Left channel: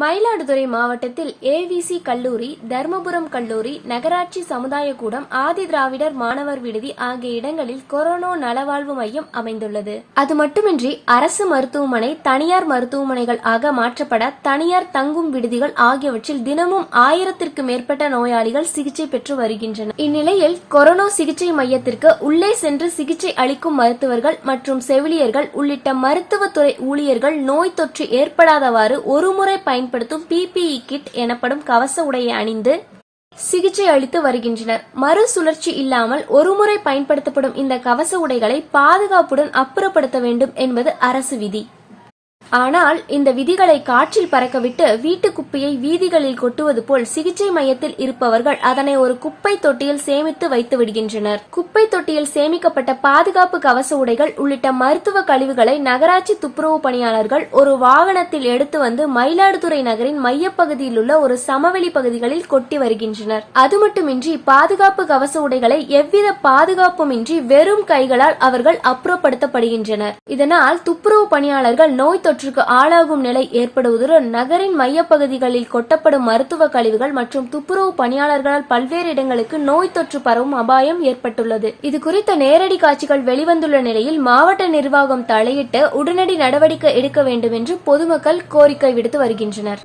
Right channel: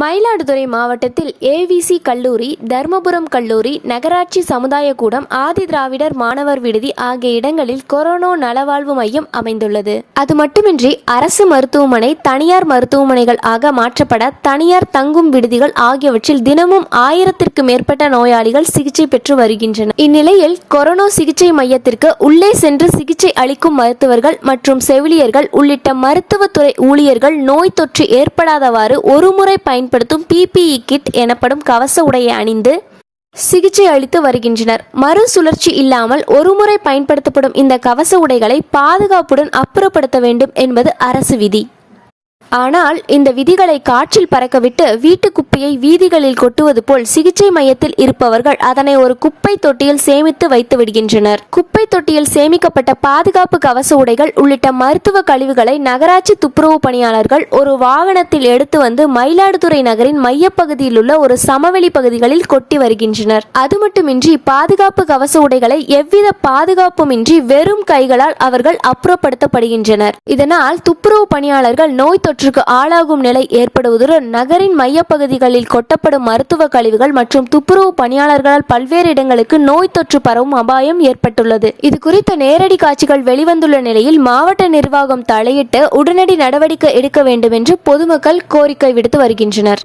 மயிலாடுதுறை மாவட்டத்தில் ஏவிசி கல்லூரி தர்மபுரம் கல்லூரி நகராட்சி சமுதாய கூடம் ஆதி திராவிடர் மாணவர் விடுதி ஆகிய இடங்களில் கொரோனா நலவாழ்வு மையம் அமைந்துள்ளது. அது மட்டுமின்றி அரசு மருத்துவமனை தனியார் மருத்துவமனைகள் ஆக மாற்றப்பட தனியார் தங்கும் விடுதிகள் ஆகியவற்றில் தினமும் ஆயிரத்திற்கு மேற்பட்ட நோயாளிகள் சிகிச்சை பெற்று வருகின்றனர். இந்நிலையில் கொரோனா சிகிச்சை மையத்திற்கு உள்ளே சென்று சிகிச்சை அளிக்கும் மருத்துவர்கள் மற்றும் செவிலியர்கள் உள்ளிட்ட மருத்துவத்துறை ஊழியர்கள் நோய் தொற்று ஏற்படாதவாறு ஒருமுறை பயன்படுத்தும் பிபிஇ கிட் எனப்படும் கவச உடையை அணிந்து சிகிச்சை அளித்து வருகின்றனர். மறுசுழற்சி இல்லாமல் ஒருமுறை பயன்படுத்தப்படும் இந்த கவச உடைகளை பாதுகாப்புடன் அப்புறப்படுத்த வேண்டும் என்பது அரசு விதி. ஆனால் இந்த விதிகளை காற்றில் பறக்கவிட்டு வீட்டு குப்பையை வீதிகளில் கொட்டுவது போல் சிகிச்சை மையத்தில் இருப்பவர்கள் அதனை ஒரு குப்பை தொட்டியில் சேமித்து வைத்து விடுகின்றனர். குப்பை தொட்டியில் சேமிக்கப்பட்ட பாதுகாப்பு கவச உடைகள் உள்ளிட்ட மருத்துவ கழிவுகளை நகராட்சி துப்புரவு பணியாளர்கள் ஒரு வாகனத்தில் எடுத்து வந்து மயிலாடுதுறை நகரின் மையப்பகுதியில் உள்ள ஒரு சமவெளி பகுதிகளில் கொட்டி வருகின்றனர். அது மட்டுமின்றி பாதுகாப்பு கவச உடைகளை எவ்வித பாதுகாப்புமின்றி வெறும் கைகளால் அவர்கள் அப்புறப்படுத்தப்படுகின்றனர். இதனால் துப்புரவு பணியாளர்கள் நோய் தொற்றுக்கு ஆளாகும் நிலை ஏற்படுவதுடன் நகரின் மையப்பகுதிகளில் கொட்டப்படும் மருத்துவ கழிவுகள் மற்றும் துப்புரவு பணியாளர்களால் பல்வேறு இடங்களுக்கு நோய் தொற்று பரவும் அபாயம் ஏற்பட்டுள்ளது. இது குறித்த நேரடி காட்சிகள் வெளிவந்துள்ள நிலையில் மாவட்ட நிர்வாகம் தலையிட்டு உடனடி நடவடிக்கை எடுக்க வேண்டும் என்று பொதுமக்கள் கோரிக்கை விடுத்து வருகின்றனர்.